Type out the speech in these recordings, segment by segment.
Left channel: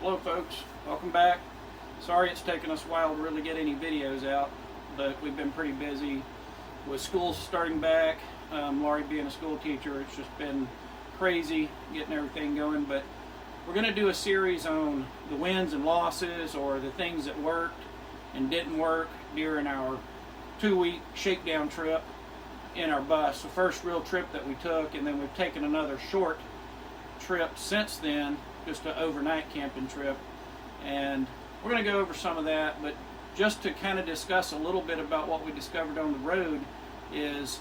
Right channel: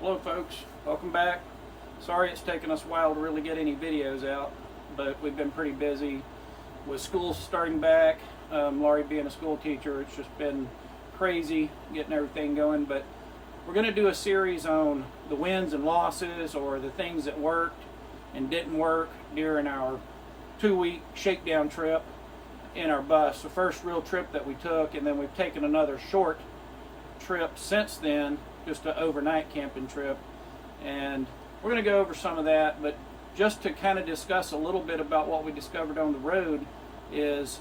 Hello folks, welcome back. Sorry it's taken us a while to really get any videos out, but we've been pretty busy with school starting back. Laurie being a school teacher, it's just been crazy getting everything going, but we're going to do a series on the wins and losses, or the things that worked and didn't work during our 2-week shakedown trip in our bus. The first real trip that we took, and then we've taken another short trip since then, just an overnight camping trip, and we're going to go over some of that. But just to kind of discuss a little bit about what we discovered on the road is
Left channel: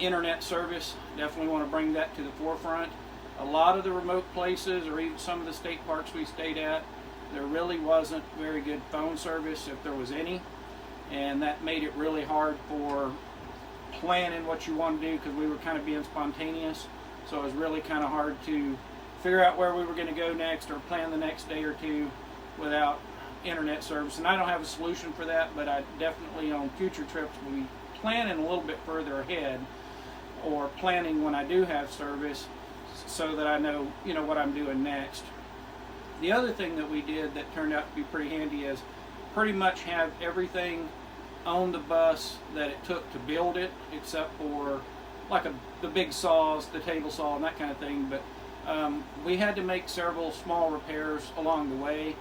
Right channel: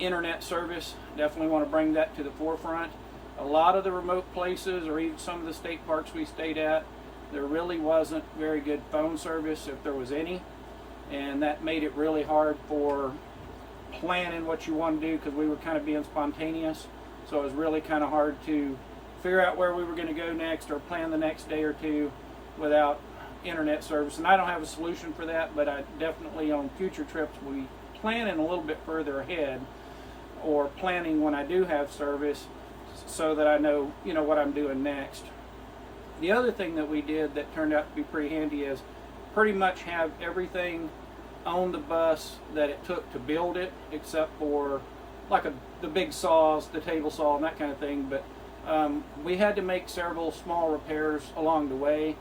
internet service. Definitely want to bring that to the forefront. A lot of the remote places, or even some of the state parks we stayed at, there really wasn't very good phone service, if there was any, and that made it really hard for planning what you want to do, because we were kind of being spontaneous. So it was really kind of hard to figure out where we were going to go next, or plan the next day or two without internet service. And I don't have a solution for that, but I definitely, on future trips, we planning a little bit further ahead, or planning when I do have service, so that I know, what I'm doing next. The other thing that we did that turned out to be pretty handy is pretty much have everything on the bus that it took to build it, except for like the big saws, the table saw, and that kind of thing. But we had to make several small repairs along the way,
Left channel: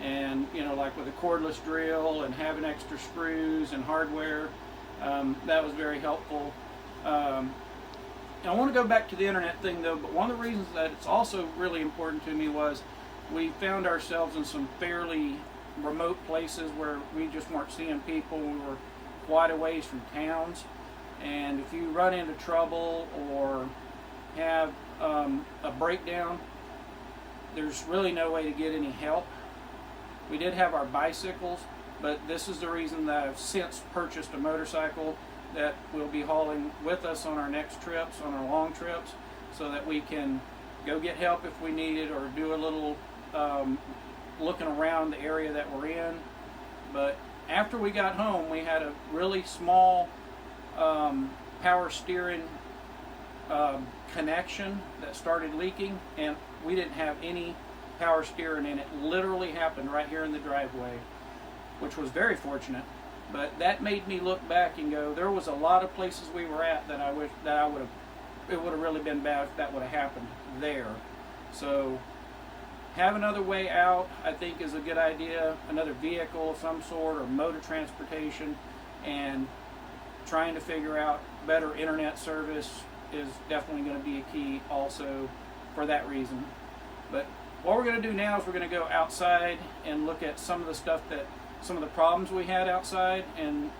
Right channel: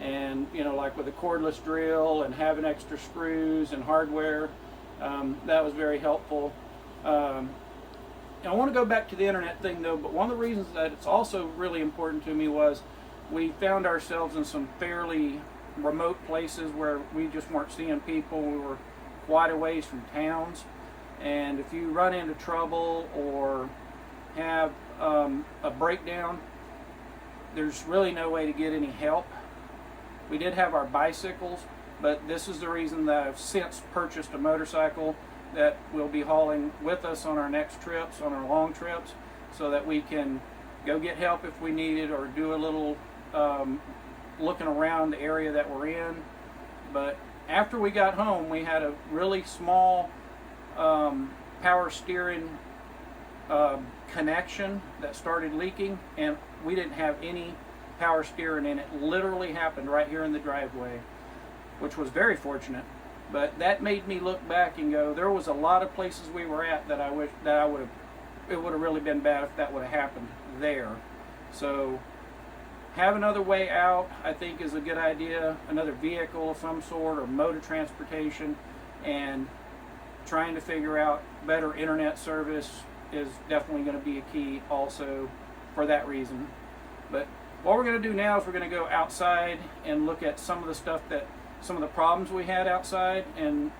and like with a cordless drill and having extra screws and hardware, that was very helpful. I want to go back to the internet thing though, but one of the reasons that it's also really important to me was we found ourselves in some fairly remote places where we just weren't seeing people. We were quite a ways from towns, and if you run into trouble or have a breakdown, there's really no way to get any help. We did have our bicycles, but this is the reason that I've since purchased a motorcycle that we'll be hauling with us on our next trips, on our long trips, so that we can go get help if we need it, or do a little looking around the area that we're in. But after we got home, we had a really small power steering connection that started leaking, and we didn't have any power steering, and it literally happened right here in the driveway, which was very fortunate. But that made me look back and go, there was a lot of places we were at that I wish that it would have really been bad if that would have happened there. So have another way out, I think, is a good idea. Another vehicle of some sort, or mode of transportation, and trying to figure out better internet service is definitely going to be a key also for that reason. But what we're going to do now is we're going to go outside and look at some of the problems we had outside, and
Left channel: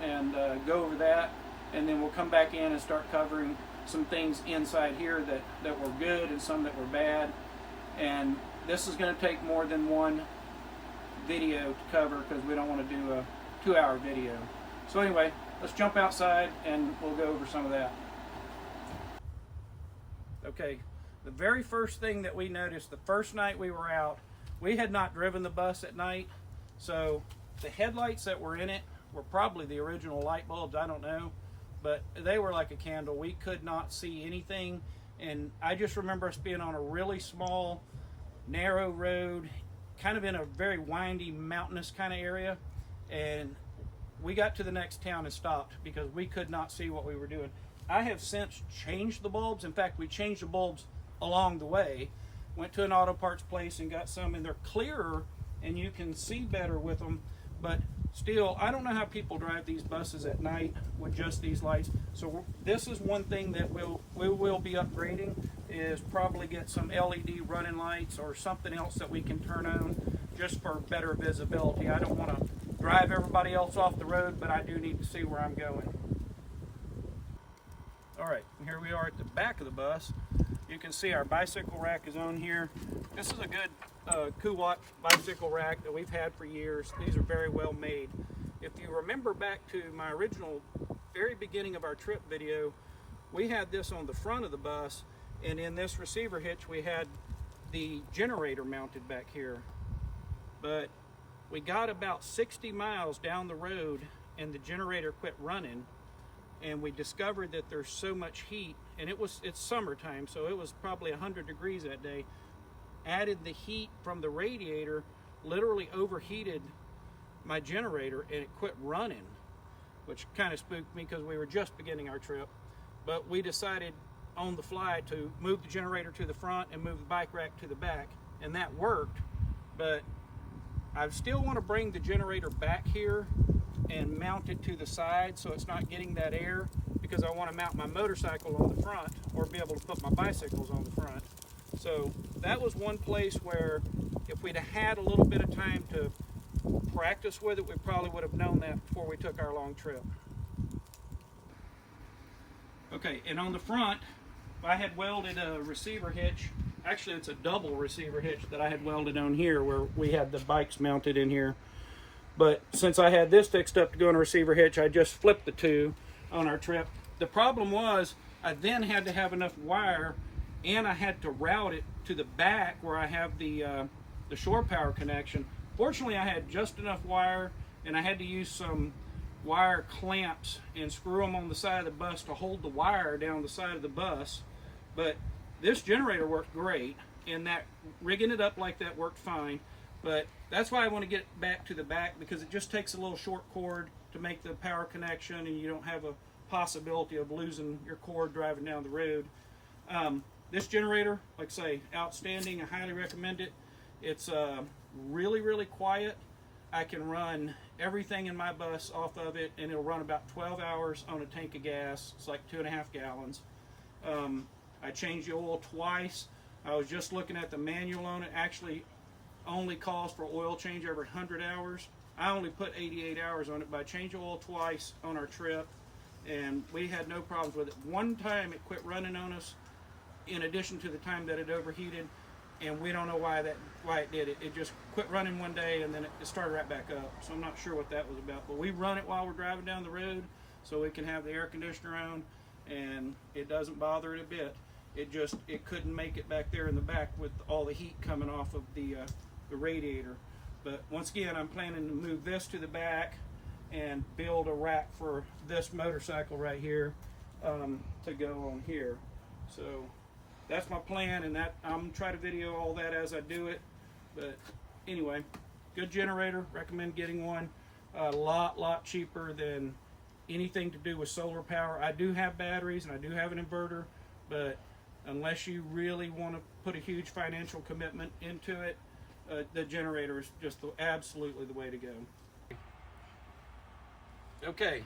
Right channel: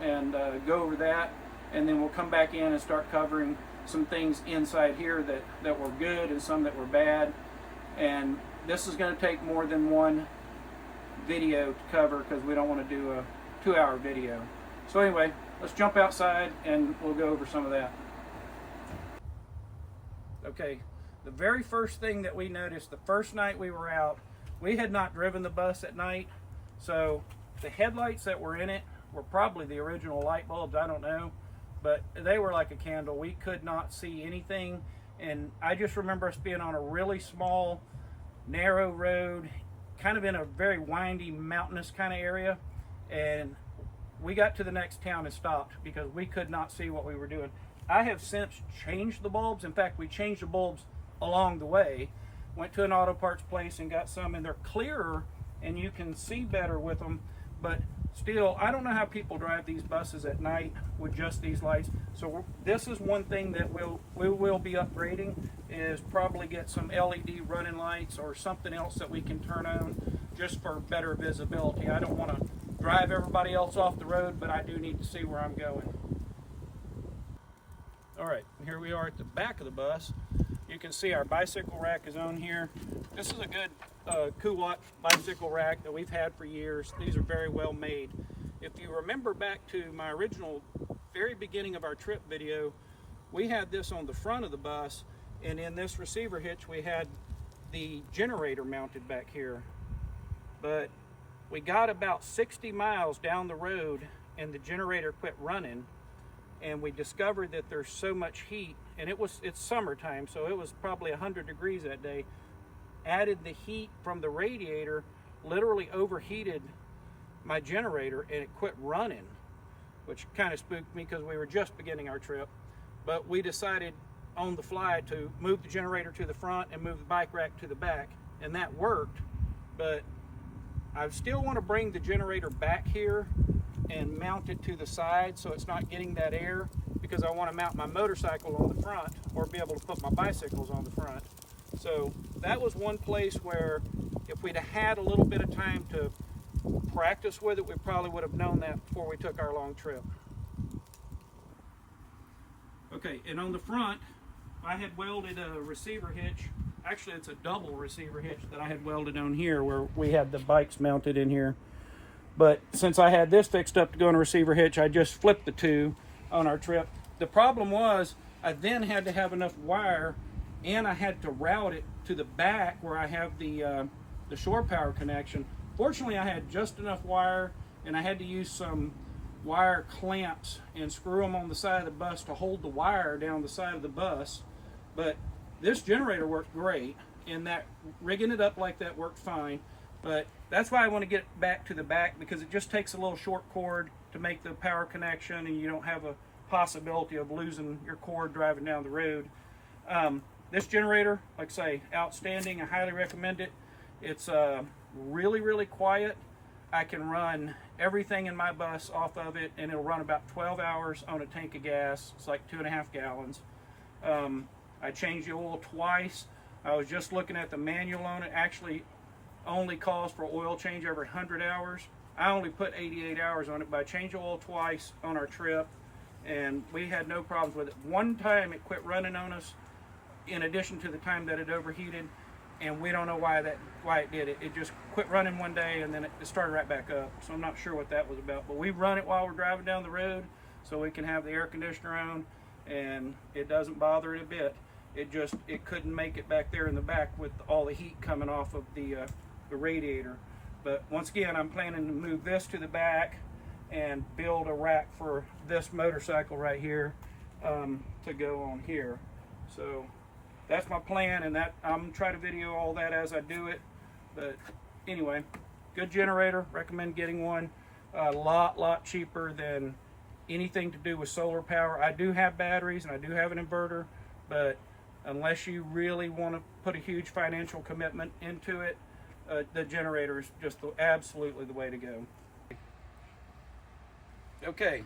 go over that, and then we'll come back in and start covering some things inside here that were good and some that were bad. And this is going to take more than one video to cover, because we don't want to do a 2-hour video. So anyway, let's jump outside and we'll go over some of that. Okay, the very first thing that we noticed the first night we were out, we had not driven the bus at night, so the headlights that were in it were probably the original light bulbs, I don't know, but they were like a candle. We could not see anything, and I just remember us being on a really small, narrow road, kind of in a very windy, mountainous kind of area, and we got to the next town and stopped because we could not see what we were doing. I have since changed the bulbs. In fact, we changed the bulbs along the way. Went to an auto parts place and got some, and they're clearer and you can see better with them. But still, I don't know how people drive these buses at night with just these lights. So this is one thing that we will be upgrading, is probably get some LED running lights or something else that we can turn on just for better visibility. I don't want to drive everybody else off the road, but I do need to see where I'm going. All right, here we are at the back of the bus. You can see our bicycle rack is on here. This is a good Kuwatt bicycle rack that we've had for years. These are very well made. If you remember back to my original, very beginning of our trip video, we had this on the front of the bus, and in this receiver hitch we had the generator mounted back here. But we got about 60 miles down the road and the generator quit running, and we discovered that there's so much heat, and it's summertime, so it was probably 100 degrees that day. added the heat from the radiator, literally overheated my generator, and it quit running, which kind of spooked me because we were just beginning our trip. But we decided on the fly to move the generator to the front and move the bike rack to the back, and that worked. But I still want to bring the generator back here and mount it to the side so it's not getting that air, because I want to mount my motorcycle on the front or be able to put my bicycles on the front. So that was one place where if we'd have had a little bit of time to practice with it, we probably would have known that before we took our long trip. Okay, and on the front, I had welded a receiver hitch. Actually, it's a double receiver hitch that I had welded on here where we had the bikes mounted in here. But since I had this fixed up to go in a receiver hitch, I just flipped the two on our trip. The problem was I then had to have enough wire, and I had to route it to the back where I have the shore power connection. Fortunately, I had just enough wire, and I had to use some wire clamps and screw them on the side of the bus to hold the wire down the side of the bus. But this generator worked great, and that rigging it up like that worked fine. But that's why I want to get it back to the back, because it just takes a little short cord to make the power connection, and you don't have a possibility of losing your cord driving down the road. This generator, like I say, outstanding. I highly recommend it. It's really, really quiet. I can run everything in my bus off of it, and it'll run about 12 hours on a tank of gas. It's like 2.5 gallons. I changed the oil twice. I was just looking at the manual on it. Actually only calls for oil change every 100 hours. I only put 88 hours on it, but I changed the oil twice on our trip, and we had no problems with it. One time it quit running on us, in addition to the time that it overheated, and we don't know why it did it. It just quit running one day, and then it started right back up. So I'm not sure what that was about. But we run it while we're driving down the road, so we can have the air conditioner on, and it doesn't bother it a bit. It couldn't make it back there in the back with all the heat coming off of the radiator. But once again, I'm planning to move this to the back and build a rack for this motorcycle right here to go on here. So that's my plan, and that I'm gonna try to video all that as I do it. But anyway, good generator, recommend getting one. A lot cheaper than anything to do with solar power. I do have batteries and I do have an inverter, but unless you really want to put a huge financial commitment into it, the generator is just absolutely the way to go. Okay,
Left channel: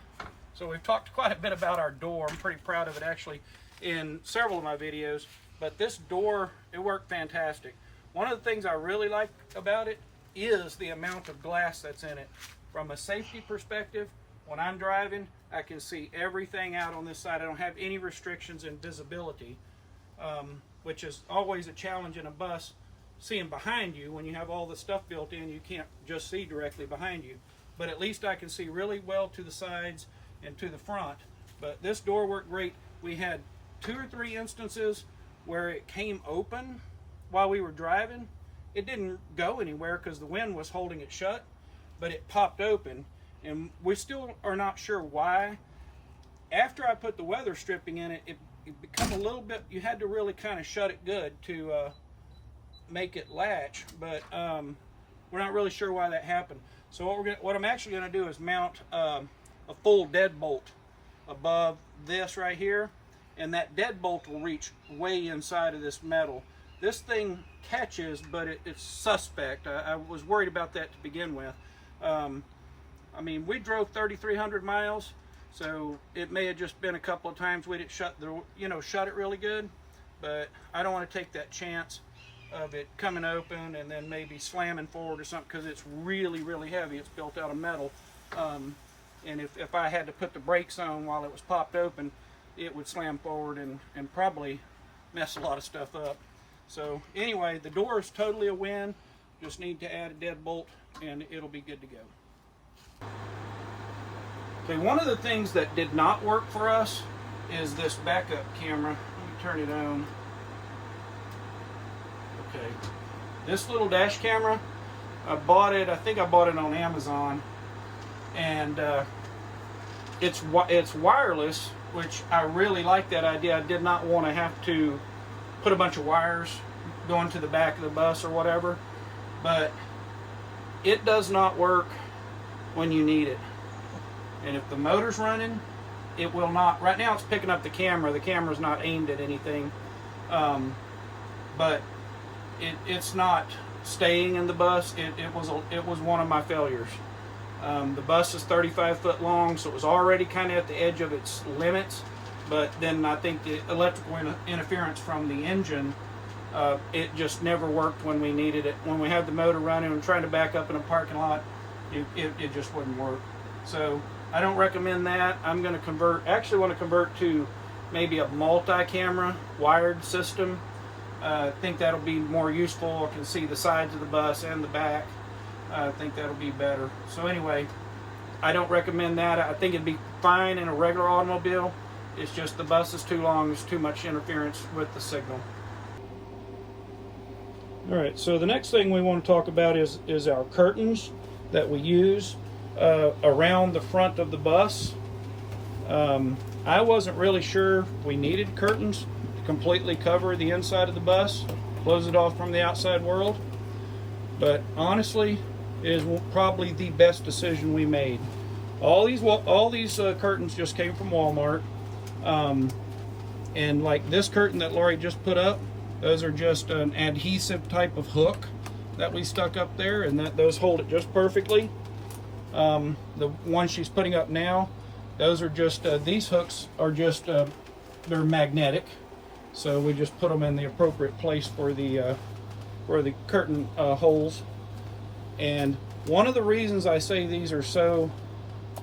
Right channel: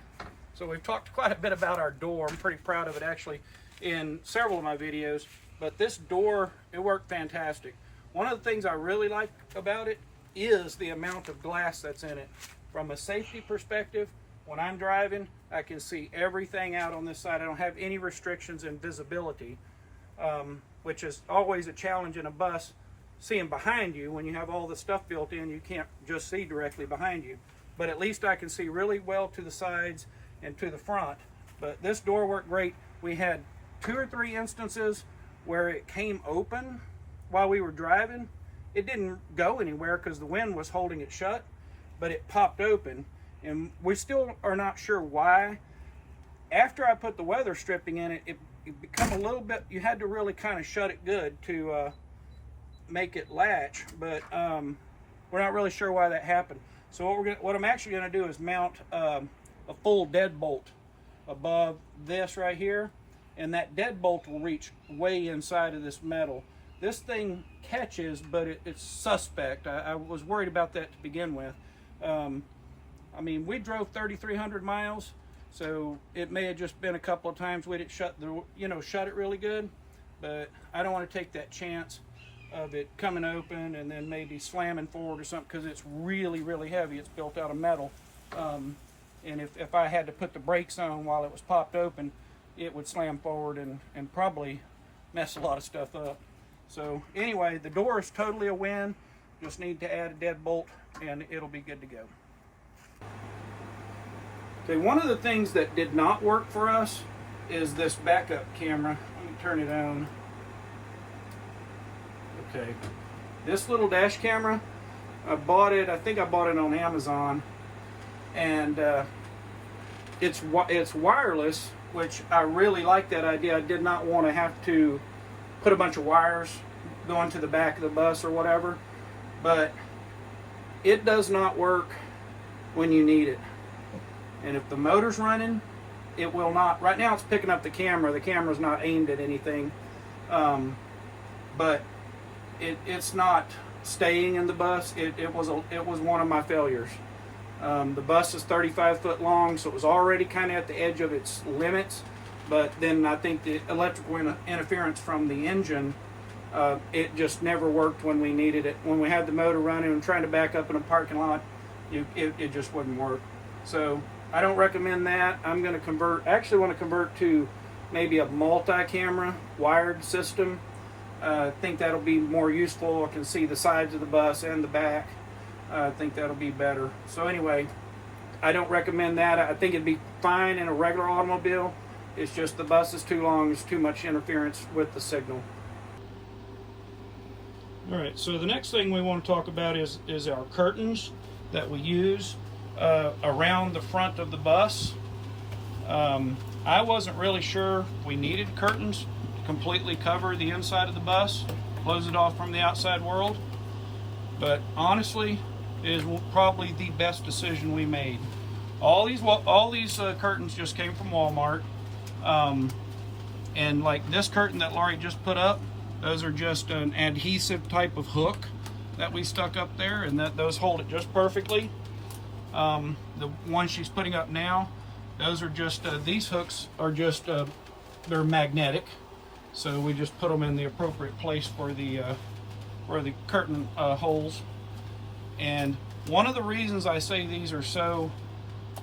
so we've talked quite a bit about our door. I'm pretty proud of it actually in several of my videos, but this door, it worked fantastic. One of the things I really like about it is the amount of glass that's in it. From a safety perspective, when I'm driving, I can see everything out on this side. I don't have any restrictions in visibility, which is always a challenge in a bus, seeing behind you. When you have all the stuff built in, you can't just see directly behind you. But at least I can see really well to the sides and to the front. But this door worked great. We had 2 or 3 instances where it came open while we were driving. It didn't go anywhere because the wind was holding it shut, but it popped open, and we still are not sure why. After I put the weather stripping in it, it became a little bit, you had to really kind of shut it good to make it latch, but we're not really sure why that happened. So what I'm actually going to do is mount a full deadbolt above this right here, and that deadbolt will reach way inside of this metal. This thing catches, but it's suspect. I was worried about that to begin with. I mean, we drove 3,300 miles, so it may have just been a couple of times we didn't shut it really good, but I don't want to take that chance of it coming open and then maybe slamming forward or something, because it's really heavy. It's built out of metal, and if I had to put the brakes on while it was popped open, it would slam forward and probably mess a lot of stuff up. So anyway, the door is totally a win. Just need to add a deadbolt and it'll be good to go. Okay, one of the things that did not work for us is this backup camera. Let me turn it on. Okay, this little dash camera, I think I bought it on Amazon, and it's wireless, which I really like that idea. I did not want to have to put a bunch of wires going to the back of the bus or whatever, but it does not work when you need it. And if the motor's running, it will not. Right now it's picking up the camera. The camera's not aimed at anything, but it's not staying in the bus. It was one of my failures. The bus is 35 foot long, so it was already kind of at the edge of its limits. But then I think the electrical interference from the engine, it just never worked when we needed it. When we had the motor running and trying to back up in a parking lot, it just wouldn't work. So I don't recommend that. I'm going to want to convert to maybe a multi-camera wired system. I think that'll be more useful. I can see the sides of the bus and the back. I think that'll be better. So anyway, I don't recommend that. I think it'd be fine in a regular automobile. It's just the bus is too long. There's too much interference with the signal. All right, so the next thing we want to talk about is our curtains that we use around the front of the bus. I wasn't really sure we needed curtains to completely cover the inside of the bus, close it off from the outside world, but honestly, it is probably the best decision we made. All these curtains just came from Walmart, and like this curtain that Laurie just put up, those are just an adhesive type of hook that we stuck up there, and those hold it just perfectly. The one she's putting up now, those are just these hooks are just they're magnetic, so we just put them in the appropriate place for the curtain holes. And one of the reasons I say these are so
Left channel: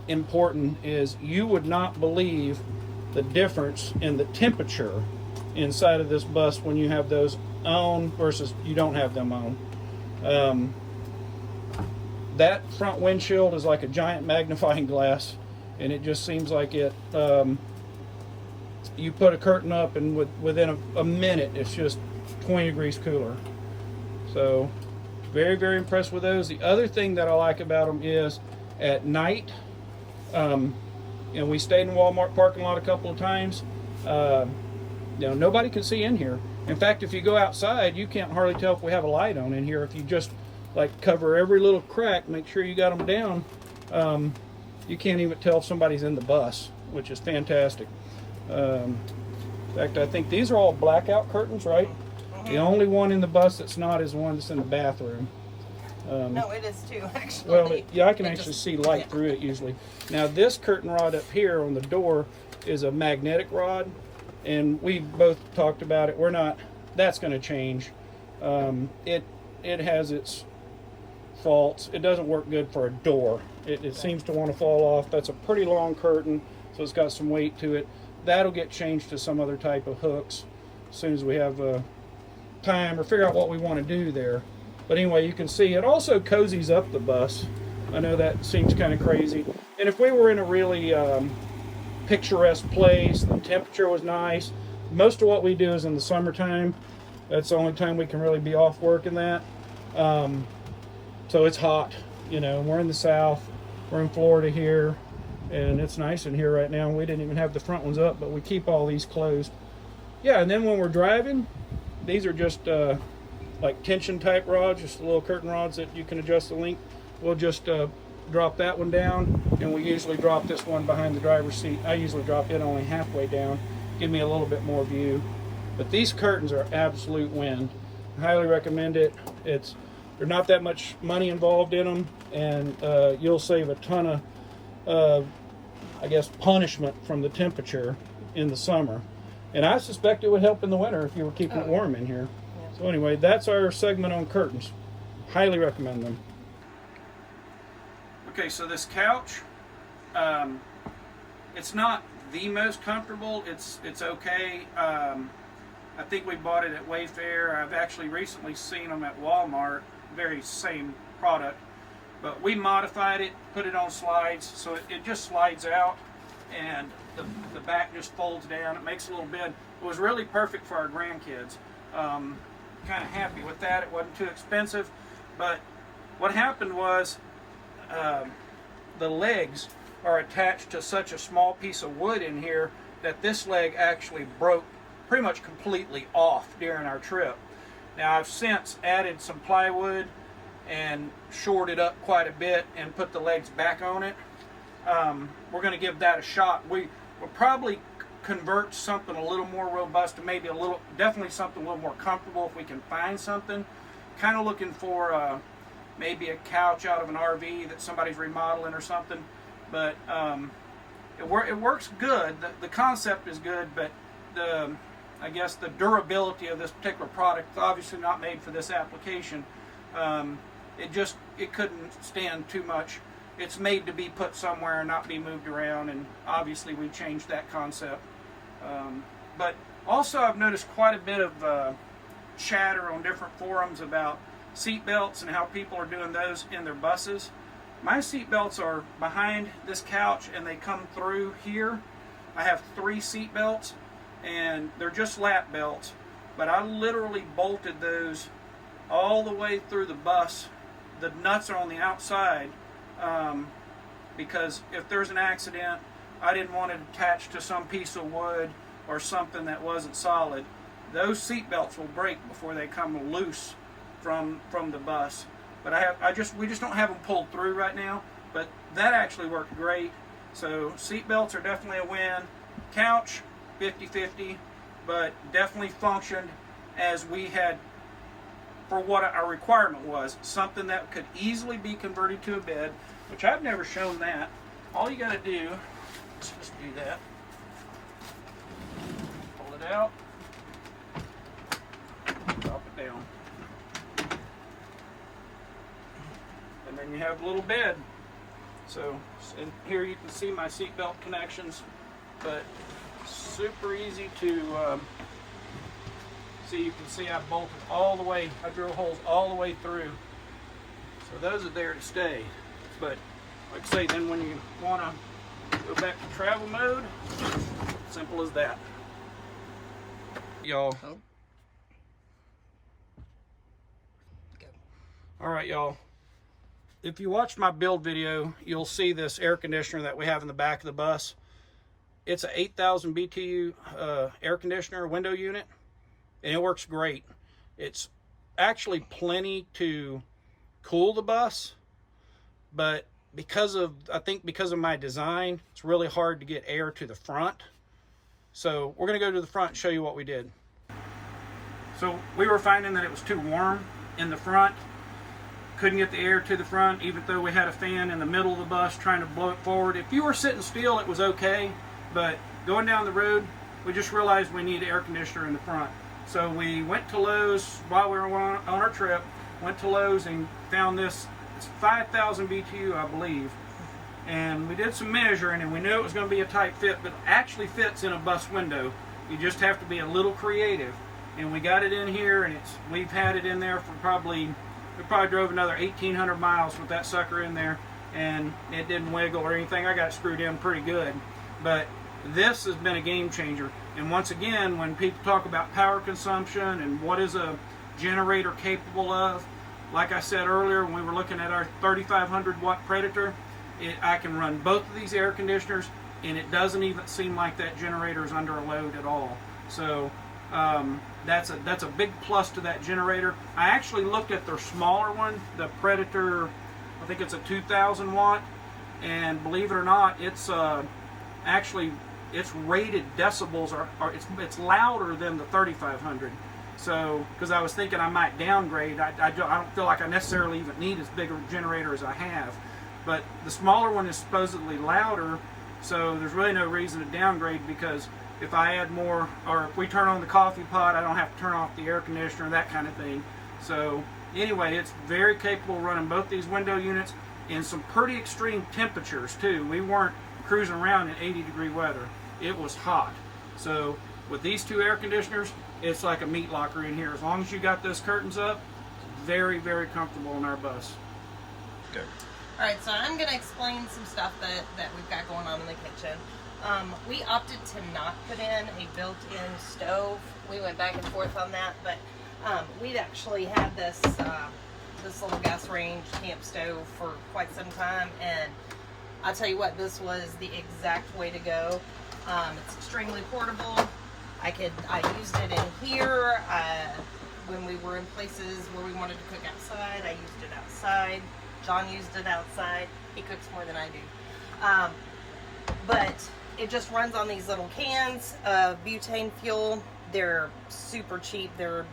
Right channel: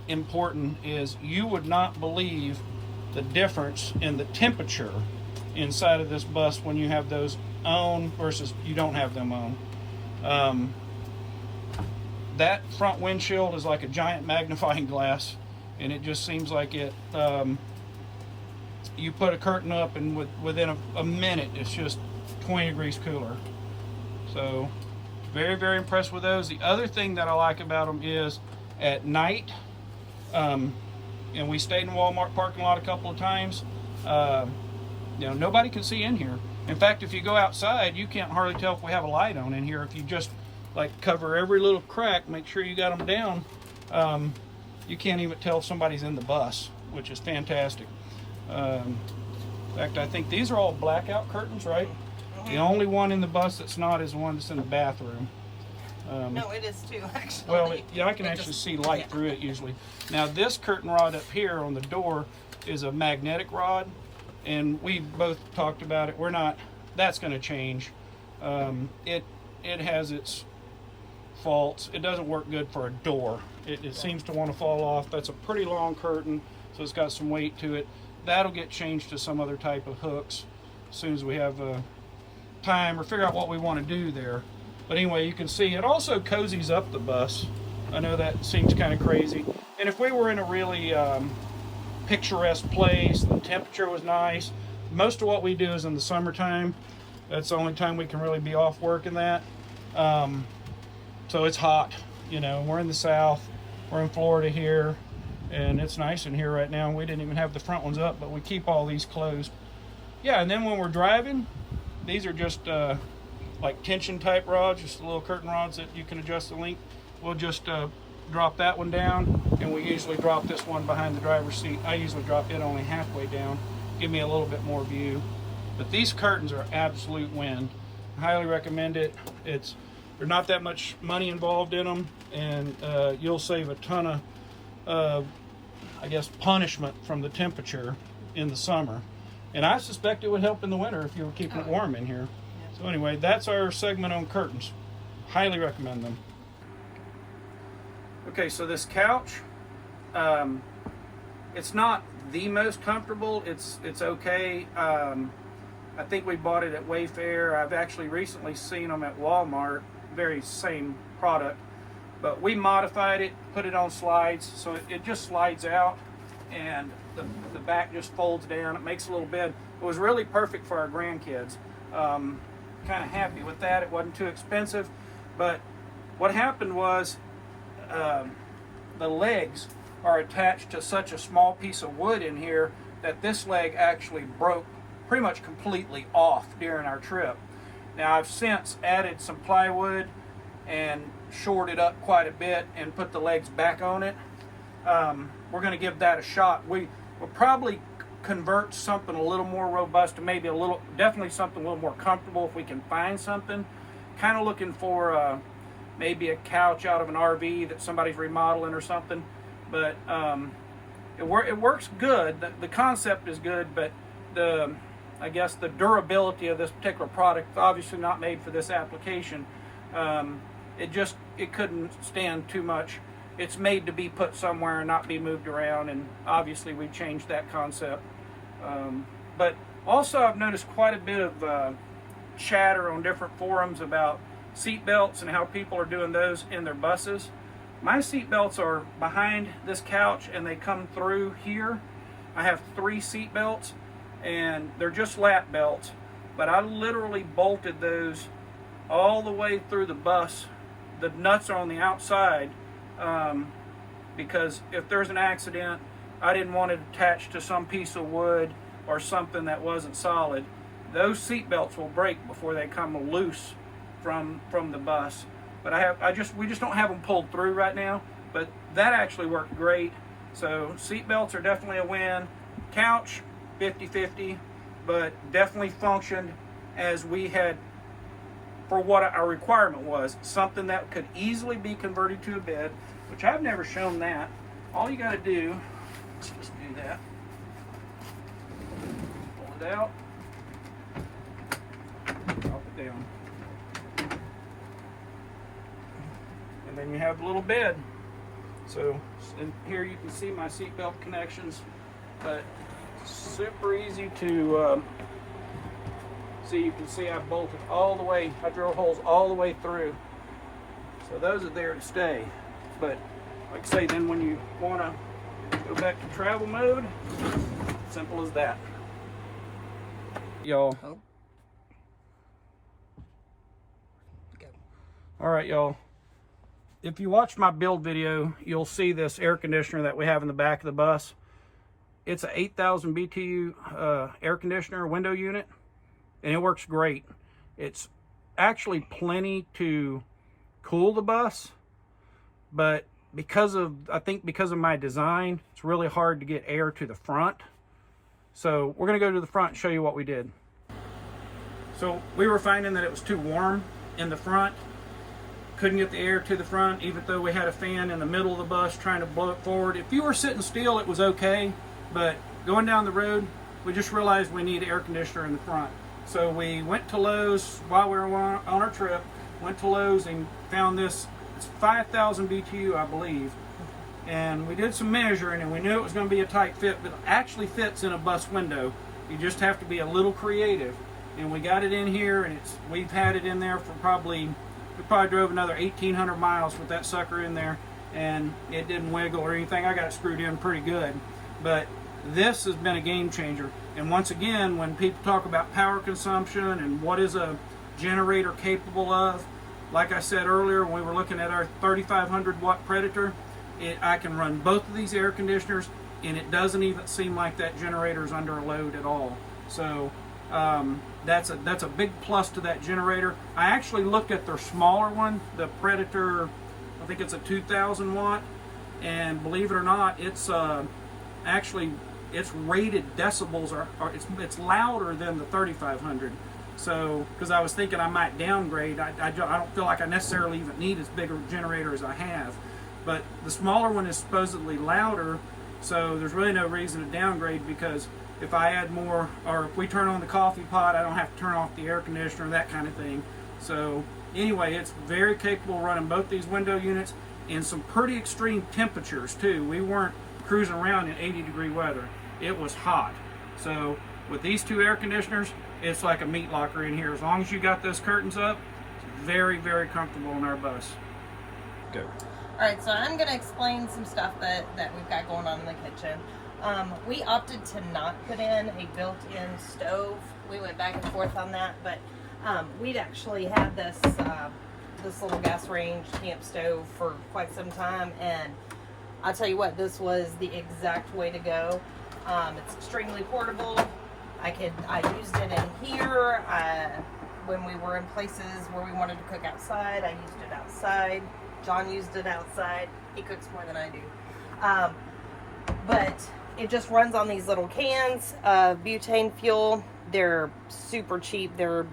important is you would not believe the difference in the temperature inside of this bus when you have those on versus you don't have them on. That front windshield is like a giant magnifying glass, and it just seems like it, you put a curtain up and within a minute it's just 20 degrees cooler. So very, very impressed with those. The other thing that I like about them is at night, and we stayed in Walmart parking lot a couple of times, nobody can see in here. In fact, if you go outside, you can't hardly tell if we have a light on in here. If you just like cover every little crack, make sure you got them down, you can't even tell if somebody's in the bus, which is fantastic. In fact, I think these are all blackout curtains, right? The only one in the bus that's not is the one that's in the bathroom. No, it is too, actually. Well, yeah, I can actually see light through it usually. Now, this curtain rod up here on the door is a magnetic rod, and we both talked about it. That's going to change. It has its faults. It doesn't work good for a door. It seems to want to fall off. That's a pretty long curtain, so it's got some weight to it. That'll get changed to some other type of hooks as soon as we have time or figure out what we want to do there. But anyway, you can see it also cozies up the bus. I know that seems kind of crazy. And if we were in a really picturesque place, the temperature was nice. Most of what we do is in the summertime. That's the only time we can really be off work in that. So it's hot, and we're in the South. We're in Florida here, and it's nice in here right now. We didn't even have the front ones up, but we keep all these closed. Yeah, and then when we're driving, these are just like tension type rods, just little curtain rods that you can adjust the length. We'll just drop that one down, and we usually drop this one behind the driver's seat. I usually drop it only halfway down, give me a little bit more view. But these curtains are absolute win. I highly recommend it. There's not that much money involved in them, and you'll save a ton of, I guess, punishment from the temperature in the summer. And I suspect it would help in the winter if you were keeping it warm in here. Yeah. So anyway, that's our segment on curtains. Highly recommend them. Okay, so this couch, it's not the most comfortable. It's okay. I think we bought it at Wayfair. I've actually recently seen them at Walmart, very same product, but we modified it, put it on slides, so it just slides out, and the back just folds down. It makes a little bed. It was really perfect for our grandkids. Kind of happy with that. It wasn't too expensive, but what happened was the legs are attached to such a small piece of wood in here that this leg actually broke pretty much completely off during our trip. Now I've since added some plywood and shored it up quite a bit and put the legs back on it. We're going to give that a shot. We'll probably convert to something a little more robust, and maybe definitely something a little more comfortable if we can find something. Kind of looking for maybe a couch out of an RV that somebody's remodeling or something. But it works good. The concept is good, but I guess the durability of this particular product is obviously not made for this application. It couldn't stand too much. It's made to be put somewhere and not be moved around, and obviously we changed that concept. But also I've noticed quite a bit of chatter on different forums about seat belts and how people are doing those in their buses. My seat belts are behind this couch and they come through here. I have 3 seat belts and they're just lap belts, but I literally bolted those all the way through the bus. The nuts are on the outside because if there's an accident, I didn't want it attached to some piece of wood or something that wasn't solid. Those seat belts will break before they come loose from the bus. But we just don't have them pulled through right now. But that actually worked great. So seat belts are definitely a win. Couch, 50-50, but definitely functioned as we had for what our requirement was. Something that could easily be converted to a bed, which I've never shown that. All you got to do, let's just do that. Pull it out. Drop it down. And then you have a little bed. So in here you can see my seatbelt connections, but super easy to see. You can see I bolted all the way, I drilled holes all the way through. So those are there to stay. But like I say, then when you want to go back to travel mode, simple as that. Y'all. Oh. All right, y'all. If you watch my build video, you'll see this air conditioner that we have in the back of the bus. It's a 8,000 BTU air conditioner window unit, and it works great. It's actually plenty to cool the bus, but I think because of my design, it's really hard to get air to the front. So we're gonna go to the front and show you what we did. So we were finding that it was too warm in the front. Couldn't get the air to the front, even though we had a fan in the middle of the bus trying to blow it forward. If you were sitting still, it was okay, but going down the road, we just realized we need air conditioner in the front. So we went to Lowe's while we were on our trip, went to Lowe's and found this. It's 5,000 BTU, I believe. And we did some measuring and we knew it was going to be a tight fit, but it actually fits in a bus window. You just have to be a little creative. And we got it in here, and we've had it in there for we probably drove another 1,800 miles with that sucker in there, and it didn't wiggle or anything. I got it screwed in pretty good. But this has been a game changer. And once again, when people talk about power consumption and what is a generator capable of, like I said earlier when we were looking at our 3,500 watt Predator, I can run both of these air conditioners, and it doesn't even seem like that generator is under a load at all. So that's a big plus to that generator. I actually looked at their smaller one, the Predator. I think it's a 2,000 watt, and believe it or not, it's actually its rated decibels it's louder than the 3,500. So because I was thinking I might downgrade, I don't feel like I necessarily even need as big a generator as I have. But the smaller one is supposedly louder, so there's really no reason to downgrade, because if I add more, or if we turn on the coffee pot, I don't have to turn off the air conditioner, that kind of thing. So anyway, it's very capable of running both these window units in some pretty extreme temperatures too. We weren't cruising around in 80-degree weather. It was hot. So with these two air conditioners, it's like a meat locker in here. As long as you got those curtains up, it's very, very comfortable in our bus. Go. All right, so I'm going to explain some stuff that we've got going on in the kitchen. We opted to not put in a built-in stove. We went back and forth on that, but we'd actually had this little gas range camp stove for quite some time, and I'll tell you what, this was the exact way to go. It's extremely portable. I used it in here. when we were in places where we wanted to cook outside. I used it outside. John used it outside. He cooks more than I do. But it just runs on these little cans of butane fuel. They're super cheap. They're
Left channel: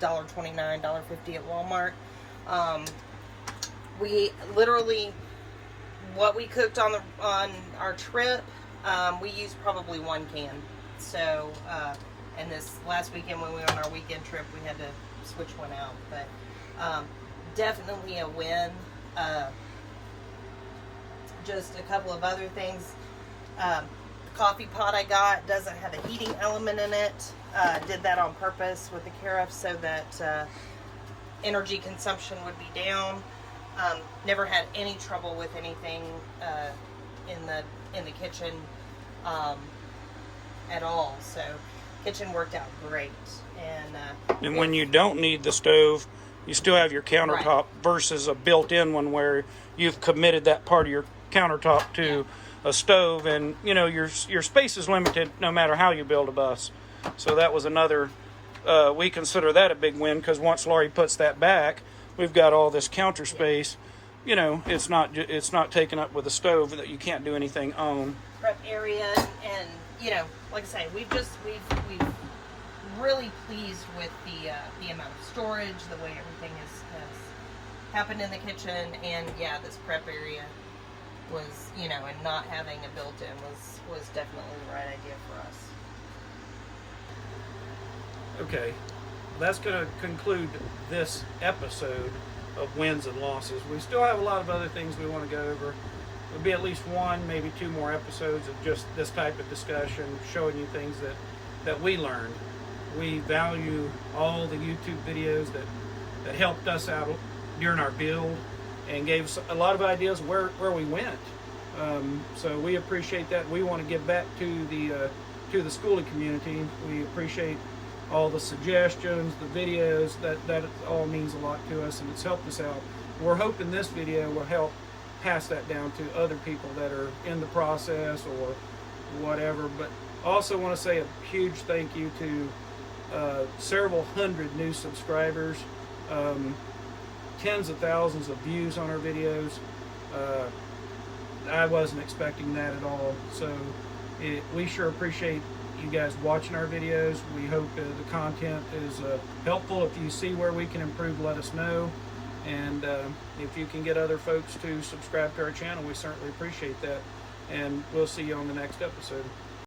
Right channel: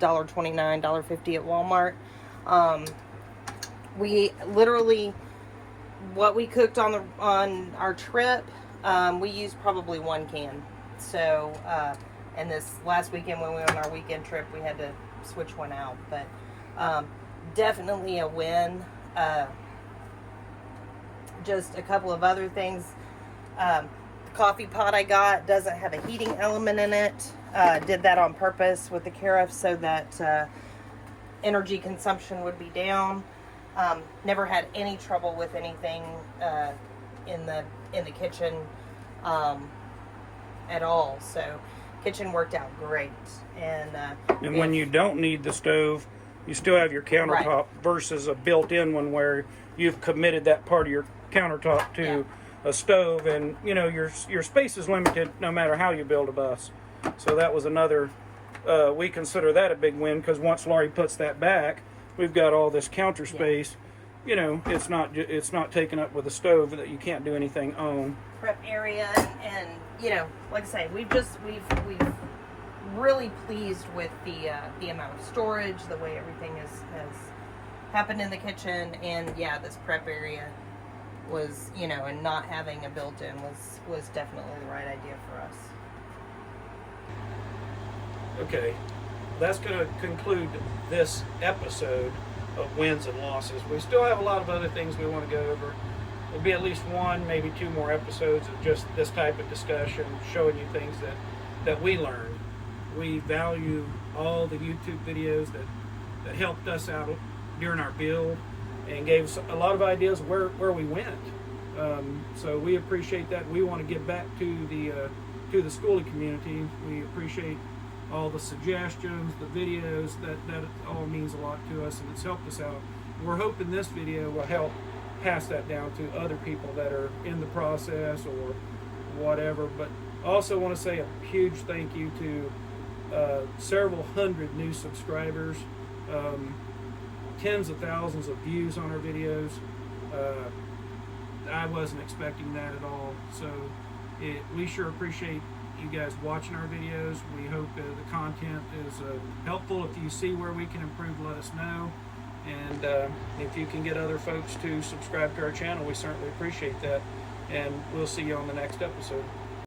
$1.29, $1.50 at Walmart. We literally, what we cooked on our trip, we used probably 1 can. So, and this last weekend when we went on our weekend trip, we had to switch one out. But definitely a win. Just a couple of other things. The coffee pot I got doesn't have a heating element in it. Did that on purpose with the carafe so that energy consumption would be down. Never had any trouble with anything in the kitchen at all. So kitchen worked out great. And when you don't need the stove, you still have your countertop, right, versus a built-in one where you've committed that part of your countertop to a stove, and you know your space is limited no matter how you build a bus. So that was another. We consider that a big win, because once Laurie puts that back, we've got all this counter space. You know, it's not taken up with a stove that you can't do anything on. Prep area, and you know, like I say, we've really pleased with the amount of storage, the way everything has happened in the kitchen, and yeah, this prep area was, you know, and not having a built-in was definitely the right idea for us. Okay, that's going to conclude this episode of wins and losses. We still have a lot of other things we want to go over. There'll be at least 1, maybe 2 more episodes of just this type of discussion, showing you things that we learned. We value all the YouTube videos that helped us out during our build and gave us a lot of ideas where we went. So we appreciate that. We want to give back to the Skoolie community. We appreciate all the suggestions, the videos. That all means a lot to us, and it's helped us out. We're hoping this video will help pass that down to other people that are in the process or whatever. But I also want to say a huge thank you to several hundred new subscribers, tens of thousands of views on our videos. I wasn't expecting that at all. So we sure appreciate you guys watching our videos. We hope the content is helpful. If you see where we can improve, let us know. And if you can get other folks to subscribe to our channel, we certainly appreciate that. And we'll see you on the next episode.